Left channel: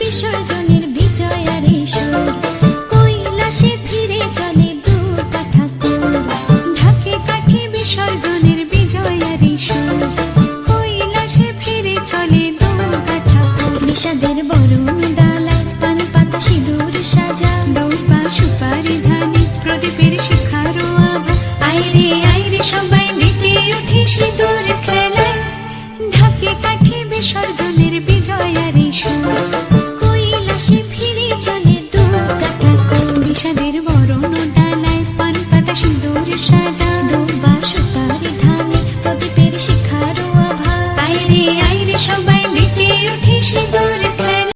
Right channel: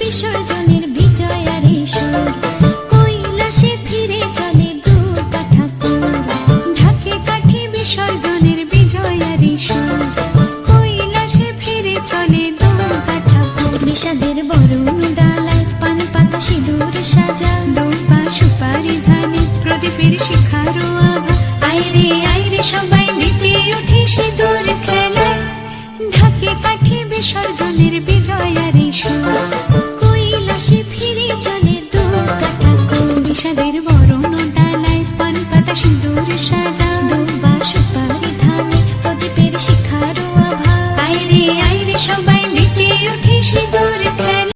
বিসর্জনের বিজয়ার সুর, কৈলাসে ফিরে চলে দুর্গা ঠাকুর। ঢাকে কাঠে বিসর্জনের বিজয়ার সুর, কৈলাসে ফিরে চলে দুর্গা ঠাকুর। বিষাদের বরণ ডালায় পান পাতা সিঁদুর সাজা, দৌপা সুপারি ধানে প্রদীপের শিখারো আভা। আইরে সবাই মেতে উঠে সিঁদুর খেলায়, ঢাকে কাঠে বিসর্জনের বিজয়ার সুর।